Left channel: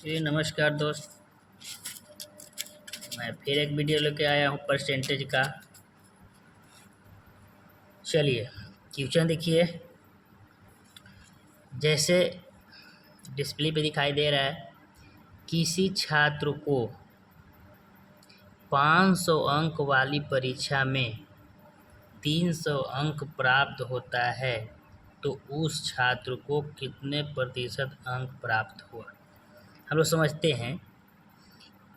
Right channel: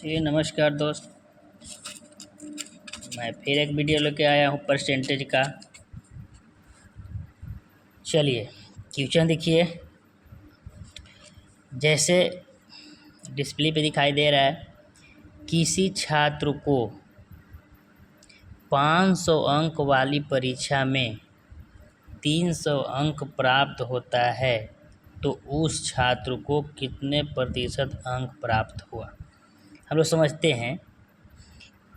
जी नमस्कार दोस्त। मैं फिर एक वीडियो लेके आया हूँ परसेंटेज का। चलिए क्वेश्चन देखिए, जैसे डिस्प्ले पे दिखाई दे रहा है, किसी छात्र को 500 अंक वाली परीक्षा में 300 अंक प्राप्त होता है तो उस छात्र को कितने प्रतिशत अंक प्राप्त हुआ। हम लोग समझते हैं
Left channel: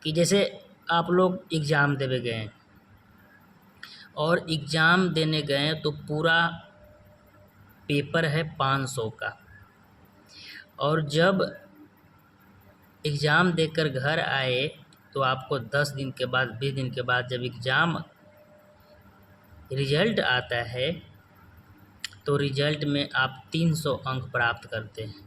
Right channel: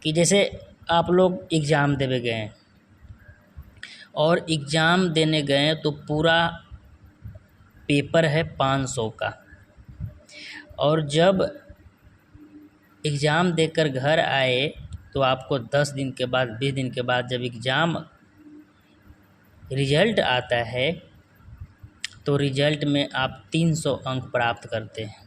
कि जैसे आप लोग एग्ज़ाम देने गए हैं और एग्ज़ाम देने गए तो पूरा पेपर है 500 का, और जब एग्ज़ाम देकर घर आए तो आपको 10 दिन के बाद 20 दिन के बाद जब एग्ज़ाम रिजल्ट आता है तो रिजल्ट में आप 300 अंक प्राप्त करते हैं।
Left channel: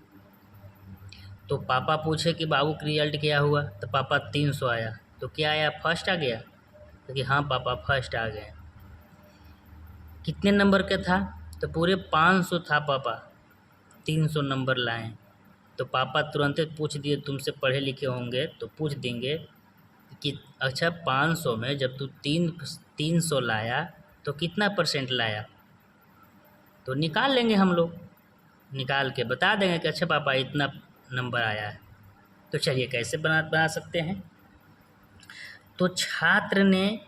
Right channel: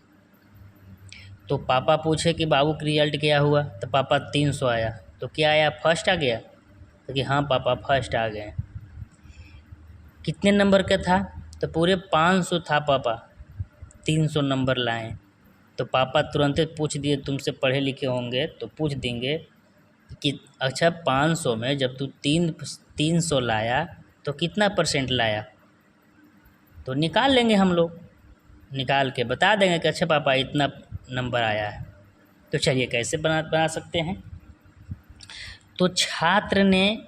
तो पापा पूछे कि बाबू का रिजल्ट क्या हुआ, तो पापा 300 आया। तो क्या आया, फर्स्ट आ गया? तो कि हाँ पापा फर्स्ट आ गए। कितने नंबर का था? तो पूरे 500 था पापा, 300 नंबर लाए। तो पापा तुरंत पूछ दिए, तुमसे पढ़े लिखे होंगे तो पूछ देंगे कि अच्छा 500 में जब तू 300 लाया तो कितना परसेंट लाया। तो निकाल लेंगे हम लोग, निकाल के बता देंगे कि अच्छा पापा इतना नंबर आया है। तो चलिए कैसे बना सकते हैं। तो छात्र ने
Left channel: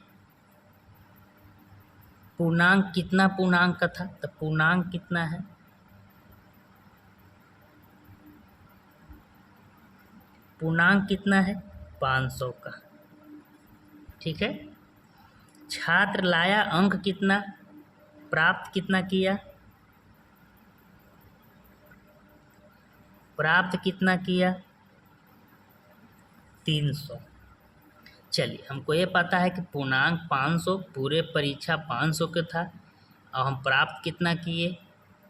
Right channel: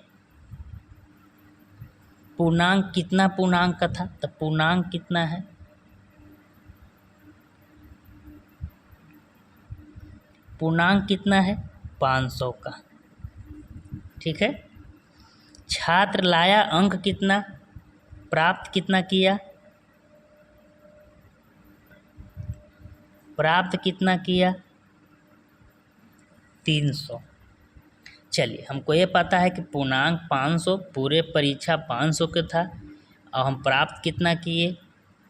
पूर्णांक कितना पूर्णांक का था, तो पूर्णांक कितना है, पूर्णांक कितना है 500 का। ठीक है। छात्र लाया अंक कितना, प्राप्त कितना किया, प्राप्त कितना किया 300। चलिए हमको ये पता है कि पूर्णांक 500, पूरे परीक्षा 500 के था और हम प्राप्त कितना किए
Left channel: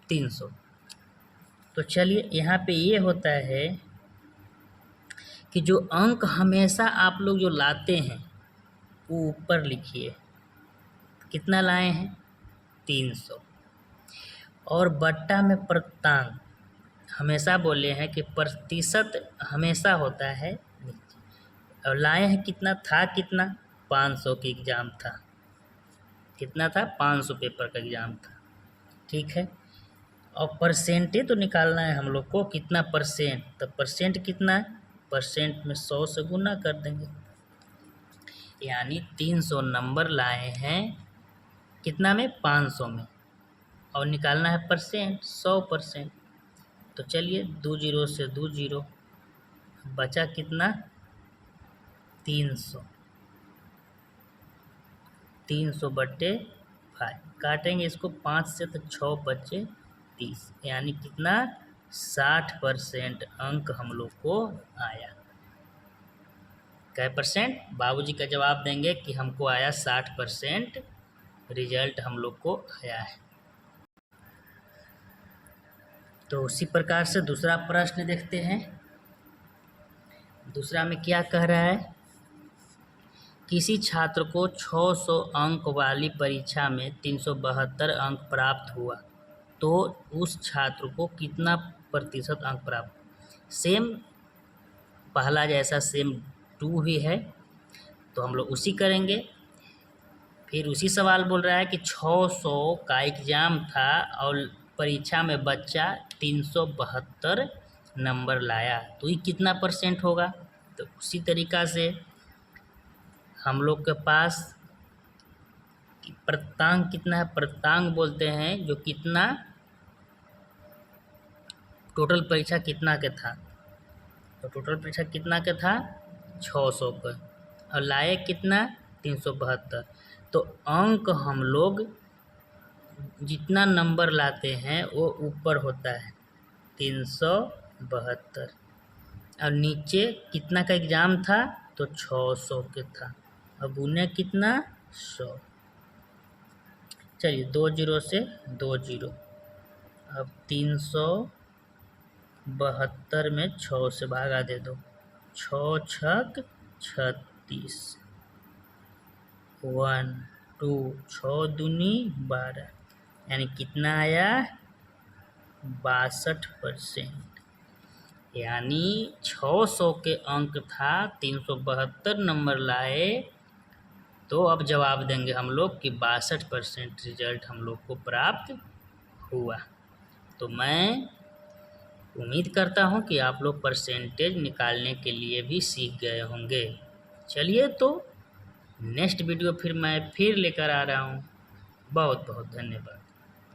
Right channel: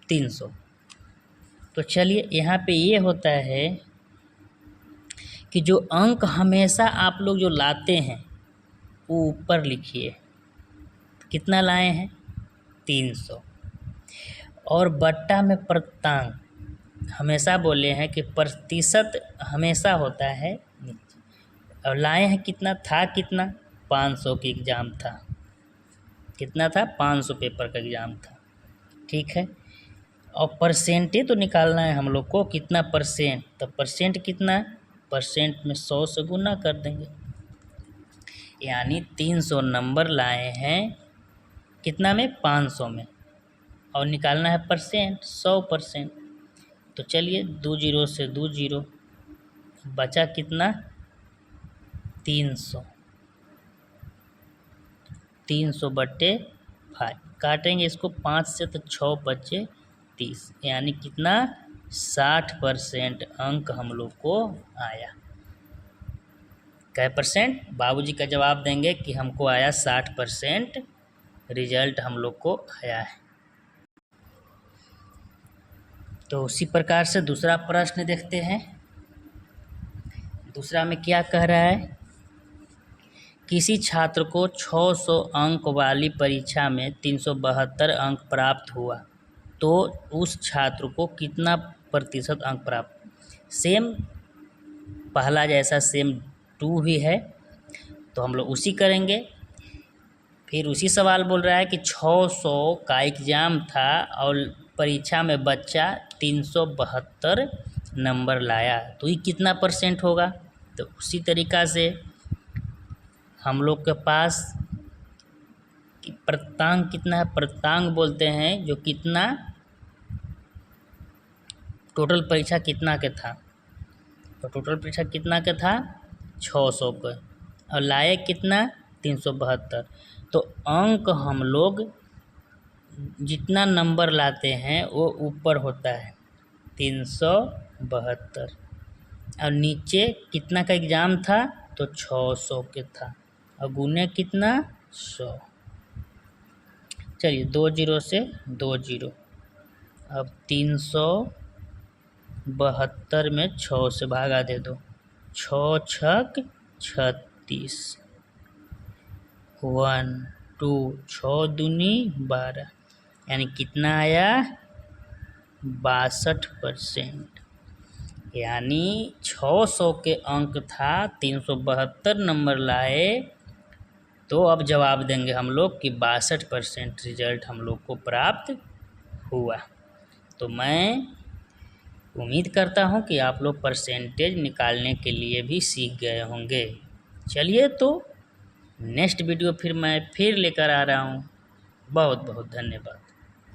300। तो चलिए यहाँ पे ये होता है कि जो अंक हमेशा आप लोग जो लाते हैं वो ऊपर लिखिए, कितना लाए हैं 300, और बट्टा में प्रतिशत, हमेशा बोले हैं कि प्रतिशत हमेशा होता है नीचे, और लाए हैं कितना, था कितना 500 की एग्ज़ाम था, कितना था 500 पेपर का एग्ज़ाम था। ठीक है। और परसेंटेज तो निकालना है हम लोग को, कितना परसेंट, तो परसेंट कितना है, परसेंट में 100 से गुना कर देंगे, यानी 300 नंबर लाए हैं कितना में 500 में, और निकालना है परसेंट 100%। तो चलिए 2 जीरो से 2 जीरो, बचा कितना 300, 300 बट्टे 5, काटेंगे इसको 5 से तो 6 बचे 30, यानी कितना 60% अंक हम लोग को आया। कै परसेंट, बाबूजी का जवाब देंगे कि हमको आया 60% रिजल्ट हम लोग को आया है। तो उसी प्रकार से दूसरा प्रश्न देखते हैं। दूसरा में क्या कह रहा है, किसी छात्र को 600 अंक वाली परीक्षा में 372 अंक प्राप्त हुआ तो उस छात्र को कितना प्रतिशत अंक प्राप्त। सेम पहला जैसा सेम 2 ही है, तो हम लोग उसी करेंगे। फिर उसी सवाल बोल रहा है कि 600 का एग्ज़ाम था और परीक्षा में बच्चा 372 नंबर लाया, तो ये कितना परसेंट होगा। तो उसी तरीक़ा से हम लोग के पास प्रतिशत कितना है, प्रतिशत बोलते हैं जो कितना टोटल परीक्षा कितना के था, तो टोटल परीक्षा कितना के था 600 पे, और लाए कितना 372। तो अंक हम लोग जितना नंबर लाते हैं वो ऊपर होता है 372, और नीचे कितना का एग्ज़ाम था तो 600 के था, और गुने कितना 100। चलिए 2 जीरो से 2 जीरो, अब 372 में 6 से भागा दे दो, 6 छक 36, 1 2 6 दूनी 12, यानी कितना आया 62%, यानी 600 के अंक था, 372 नंबर लाए, तो अब जवाब देंगे हम लोग कि 62% रिजल्ट हम लोग को प्राप्त हुआ। तो मैं उम्मीद करता हूँ कि आप लोग परसेंटेज निकालने के लिए भी सीख गए होंगे। चलिए, तो नेक्स्ट वीडियो फिर मैं लेकर आ रहा हूँ। बहुत बहुत धन्यवाद।